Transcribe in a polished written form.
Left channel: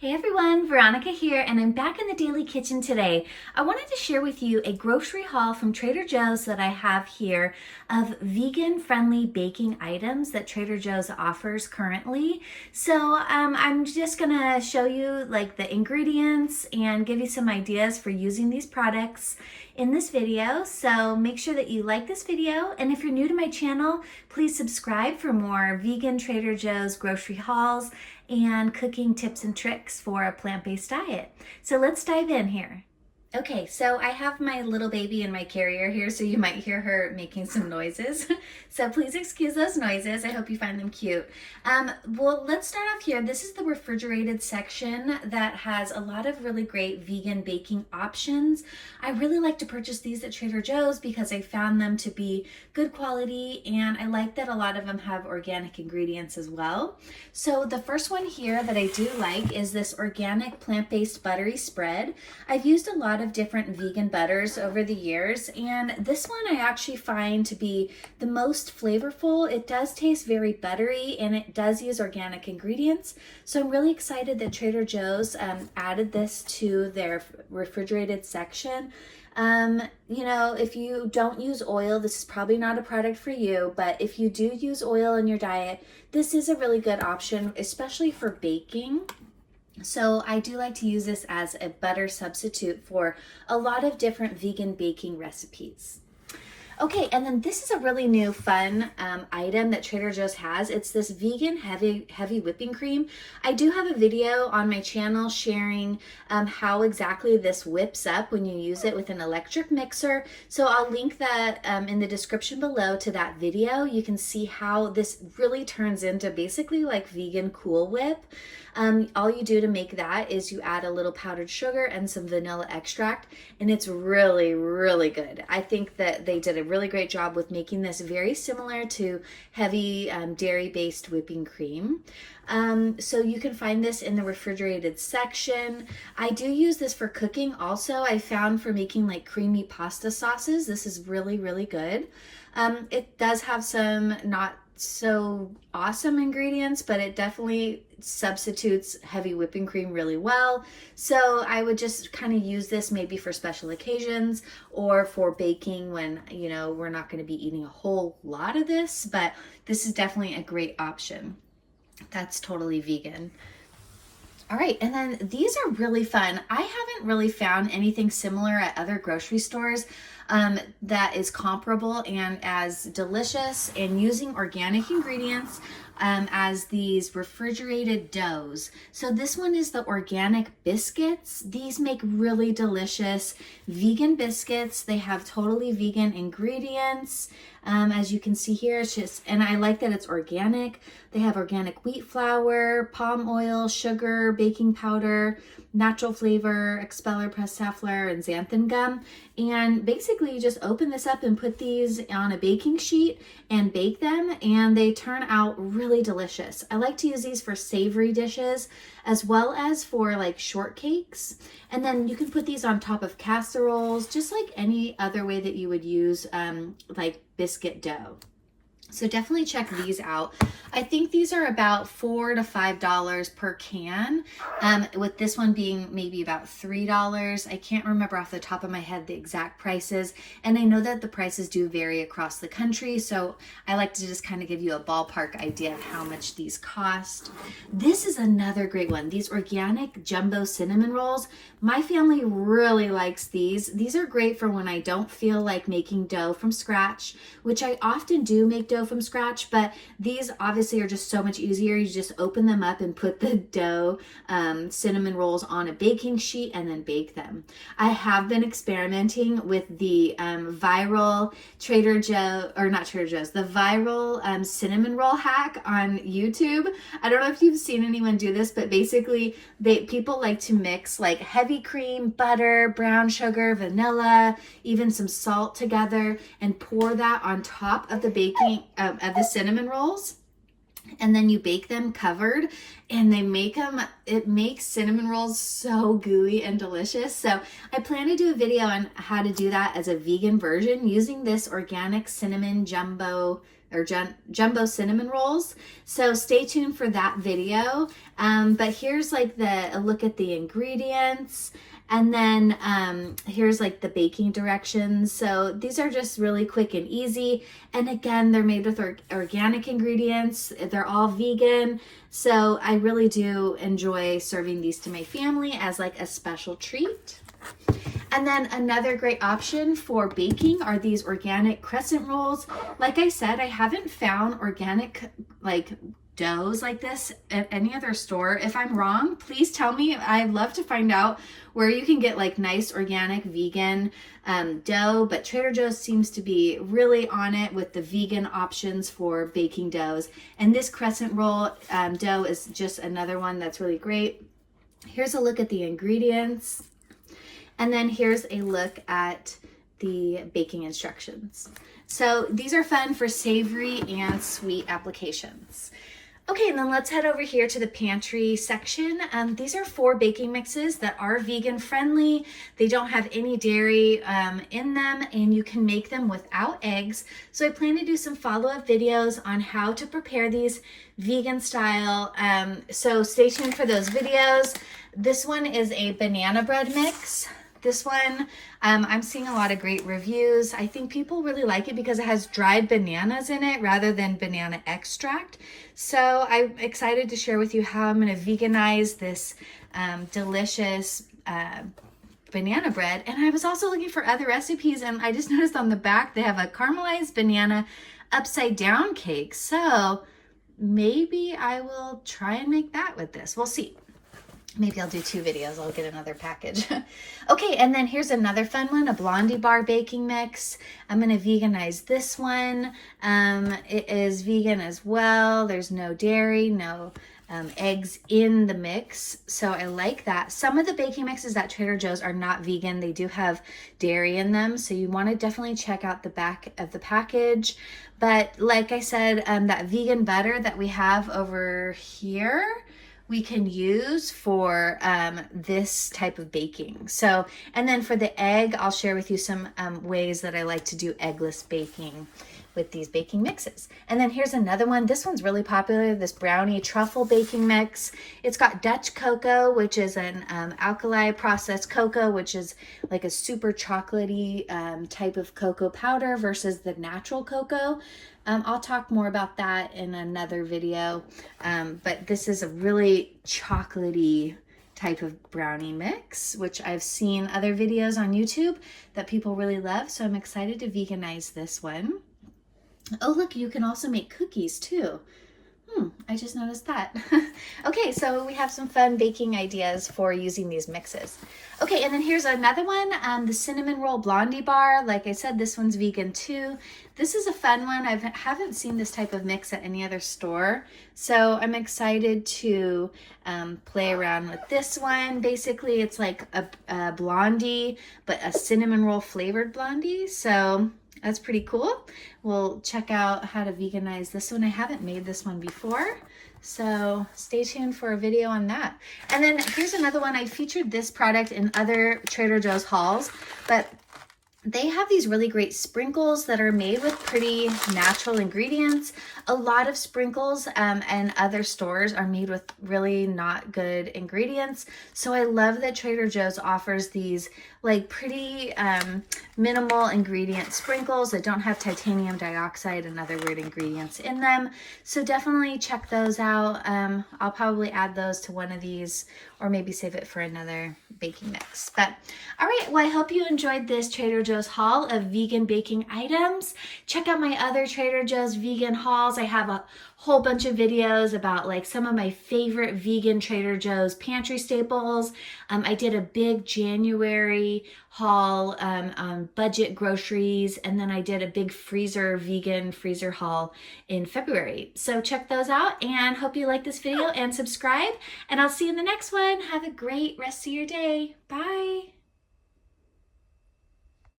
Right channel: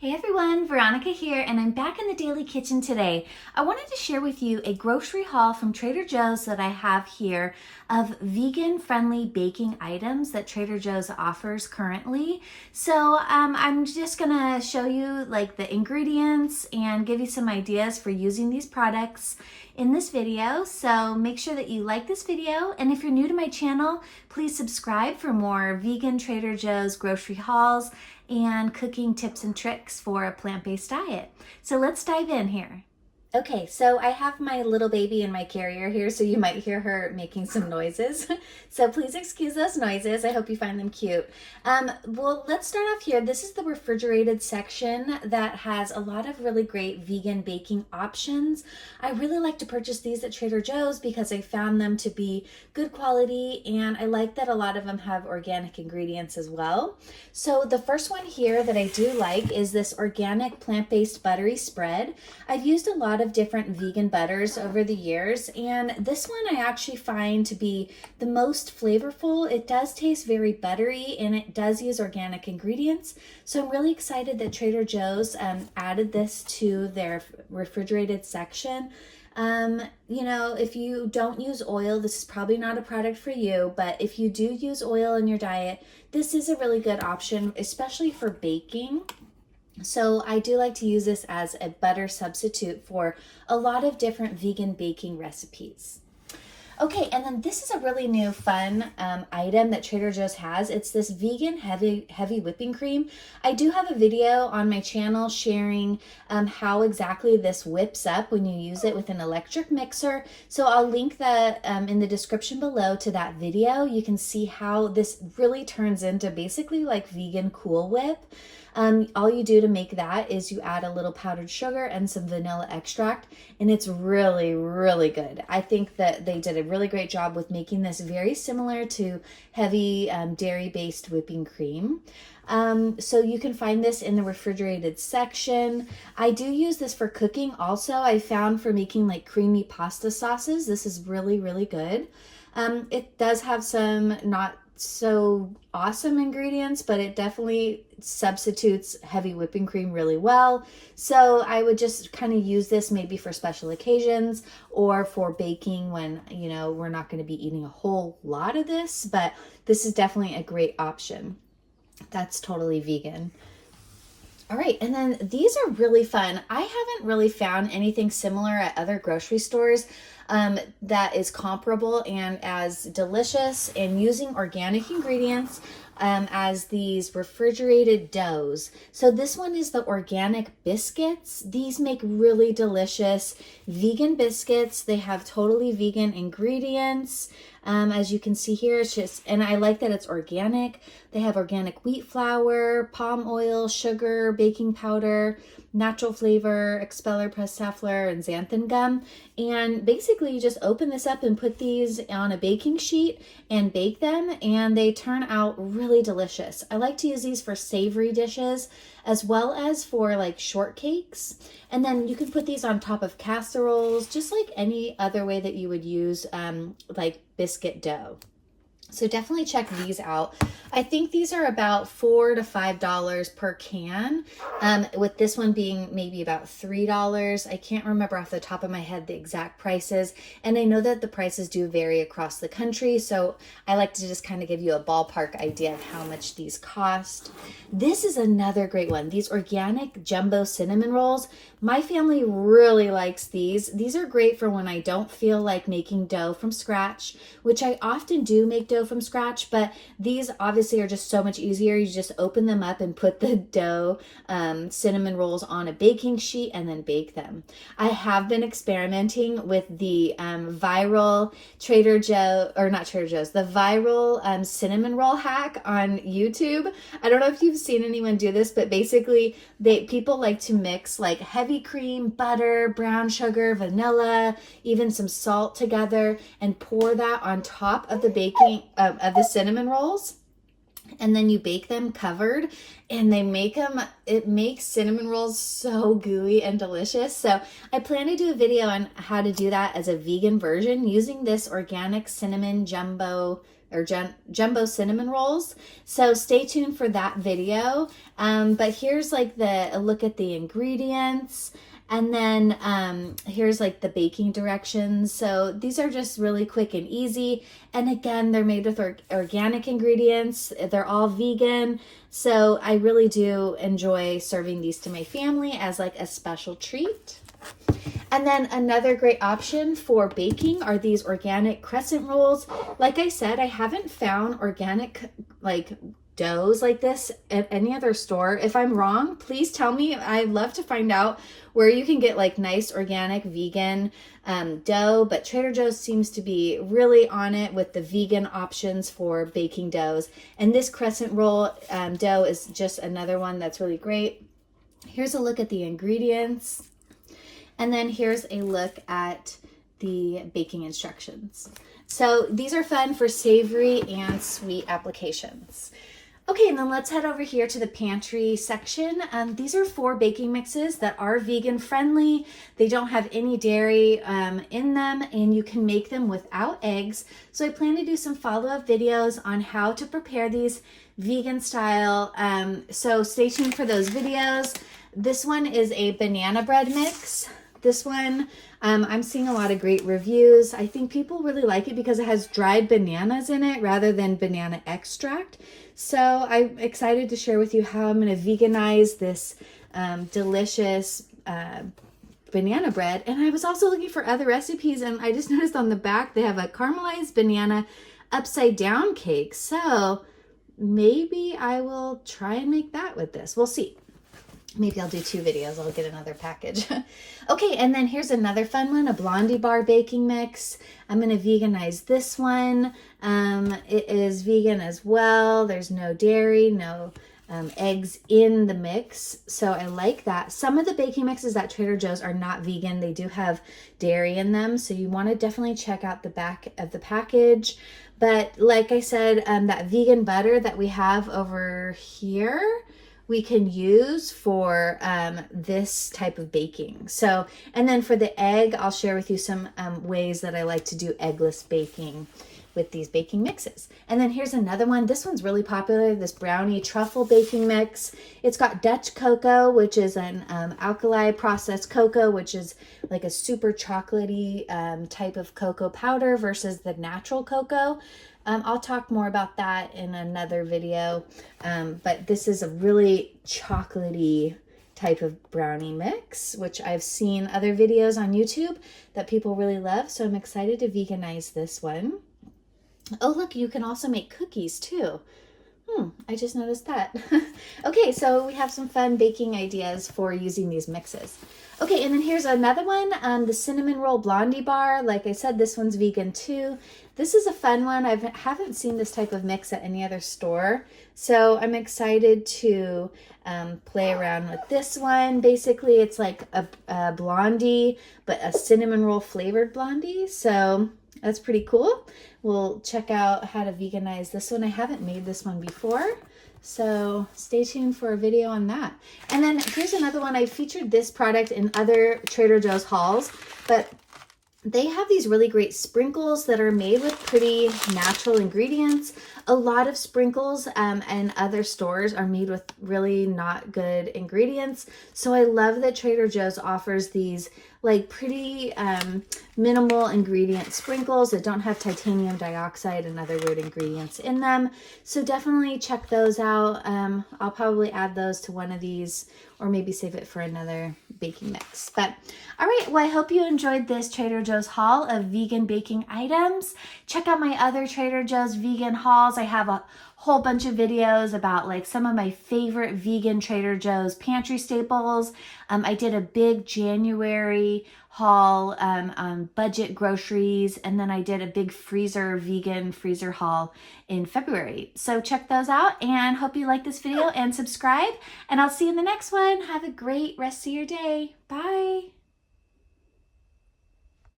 Hey everyone, Veronica here, and I'm back in the Daily Kitchen today. I wanted to share with you a grocery haul from Trader Joe's that I have here of vegan-friendly baking items that Trader Joe's offers currently. So I'm just gonna show you like the ingredients and give you some ideas for using these products in this video. So make sure that you like this video, and if you're new to my channel, please subscribe for more vegan Trader Joe's grocery hauls and cooking tips and tricks for a plant-based diet. So let's dive in here. Okay, so I have my little baby in my carrier here, so you might hear her making some noises. So please excuse those noises. I hope you find them cute. Well, let's start off here. This is the refrigerated section that has a lot of really great vegan baking options. I really like to purchase these at Trader Joe's because I found them to be good quality, and I like that a lot of them have organic ingredients as well. So the first one here that I do like is this organic plant-based buttery spread. I've used a lot of different vegan butters over the years, and this one I actually find to be the most flavorful. It does taste very buttery, and it does use organic ingredients. So I'm really excited that Trader Joe's added this to their refrigerated section. You know, if you don't use oil, this is probably not a product for you, but if you do use oil in your diet, this is a really good option, especially for baking. So I do like to use this as a butter substitute for a lot of different vegan baking recipes. Okay, and then this is a really new fun item that Trader Joe's has. It's this vegan heavy whipping cream. I do have a video on my channel sharing how exactly this whips up when you use it with an electric mixer. So I'll link that in the description below to that video. You can see how this really turns into basically like vegan Cool Whip. All you do to make that is you add a little powdered sugar and some vanilla extract, and it's really, really good. I think that they did a really great job with making this very similar to heavy dairy-based whipping cream. So you can find this in the refrigerated section. I do use this for cooking also. I found for making like creamy pasta sauces, this is really, really good. It does have some not so awesome ingredients, but it definitely substitutes heavy whipping cream really well. So I would just kind of use this maybe for special occasions or for baking when, you know, we're not going to be eating a whole lot of this, but this is definitely a great option. That's totally vegan. All right, and then these are really fun. I haven't really found anything similar at other grocery stores that is comparable and as delicious and using organic ingredients as these refrigerated doughs. So this one is the organic biscuits. These make really delicious vegan biscuits. They have totally vegan ingredients. As you can see here, it's just, and I like that it's organic. They have organic wheat flour, palm oil, sugar, baking powder, natural flavor, expeller, pressed safflower, and xanthan gum. And basically you just open this up and put these on a baking sheet and bake them, and they turn out really delicious. I like to use these for savory dishes as well as for like shortcakes. And then you can put these on top of casseroles, just like any other way that you would use like biscuit dough. So definitely check these out. I think these are about $4 to $5 per can, with this one being maybe about $3. I can't remember off the top of my head the exact prices, and I know that the prices do vary across the country, so I like to just kind of give you a ballpark idea of how much these cost. This is another great one, these organic jumbo cinnamon rolls. My family really likes these. These are great for when I don't feel like making dough from scratch, which I often do make dough from scratch, but these obviously are just so much easier. You just open them up and put the dough cinnamon rolls on a baking sheet and then bake them. I have been experimenting with the viral Trader Joe, or not Trader Joe's, the viral cinnamon roll hack on YouTube. I don't know if you've seen anyone do this, but basically people like to mix like heavy cream, butter, brown sugar, vanilla, even some salt together, and pour that on top of the baking of the cinnamon rolls. And then you bake them covered, and it makes cinnamon rolls so gooey and delicious. So I plan to do a video on how to do that as a vegan version using this organic cinnamon jumbo or jumbo cinnamon rolls. So stay tuned for that video. But here's like a look at the ingredients. And then here's like the baking directions. So these are just really quick and easy. And again, they're made with organic ingredients. They're all vegan. So I really do enjoy serving these to my family as like a special treat. And then another great option for baking are these organic crescent rolls. Like I said, I haven't found organic like doughs like this at any other store. If I'm wrong, please tell me. I'd love to find out where you can get like nice organic vegan dough, but Trader Joe's seems to be really on it with the vegan options for baking doughs. And this crescent roll dough is just another one that's really great. Here's a look at the ingredients. And then here's a look at the baking instructions. So these are fun for savory and sweet applications. Okay, and then let's head over here to the pantry section. These are 4 baking mixes that are vegan friendly. They don't have any dairy in them, and you can make them without eggs. So I plan to do some follow-up videos on how to prepare these vegan style. So stay tuned for those videos. This one is a banana bread mix. This one, I'm seeing a lot of great reviews. I think people really like it because it has dried bananas in it rather than banana extract. So I'm excited to share with you how I'm going to veganize this delicious banana bread. And I was also looking for other recipes, and I just noticed on the back they have a caramelized banana upside down cake. So maybe I will try and make that with this. We'll see. Maybe I'll do 2 videos. I'll get another package. Okay, and then here's another fun one, a Blondie Bar baking mix. I'm going to veganize this one. It is vegan as well. There's no dairy, no eggs in the mix. So I like that. Some of the baking mixes at Trader Joe's are not vegan. They do have dairy in them. So you want to definitely check out the back of the package. But like I said, that vegan butter that we have over here, we can use for this type of baking. So, and then for the egg, I'll share with you some ways that I like to do eggless baking with these baking mixes. And then here's another one. This one's really popular, this brownie truffle baking mix. It's got Dutch cocoa, which is an alkali processed cocoa, which is like a super chocolatey type of cocoa powder versus the natural cocoa. I'll talk more about that in another video, but this is a really chocolatey type of brownie mix, which I've seen other videos on YouTube that people really love, so I'm excited to veganize this one. Oh, look, you can also make cookies too. I just noticed that. Okay, so we have some fun baking ideas for using these mixes. Okay, and then here's another one, the cinnamon roll Blondie bar. Like I said, this one's vegan too. This is a fun one. I haven't seen this type of mix at any other store, so I'm excited to play around with this one. Basically, it's like a blondie, but a cinnamon roll flavored blondie, so that's pretty cool. We'll check out how to veganize this one. I haven't made this one before, so stay tuned for a video on that. And then here's another one. I featured this product in other Trader Joe's hauls, but they have these really great sprinkles that are made with pretty natural ingredients. A lot of sprinkles and other stores are made with really not good ingredients. So I love that Trader Joe's offers these like pretty minimal ingredient sprinkles that don't have titanium dioxide and other weird ingredients in them. So definitely check those out. I'll probably add those to one of these or maybe save it for another baking mix. But all right, well, I hope you enjoyed this Trader Joe's haul of vegan baking items. Check out my other Trader Joe's vegan hauls. I have a whole bunch of videos about like some of my favorite vegan Trader Joe's pantry staples. I did a big January haul on budget groceries, and then I did a big vegan freezer haul in February. So check those out and hope you like this video and subscribe, and I'll see you in the next one. Have a great rest of your day. Bye.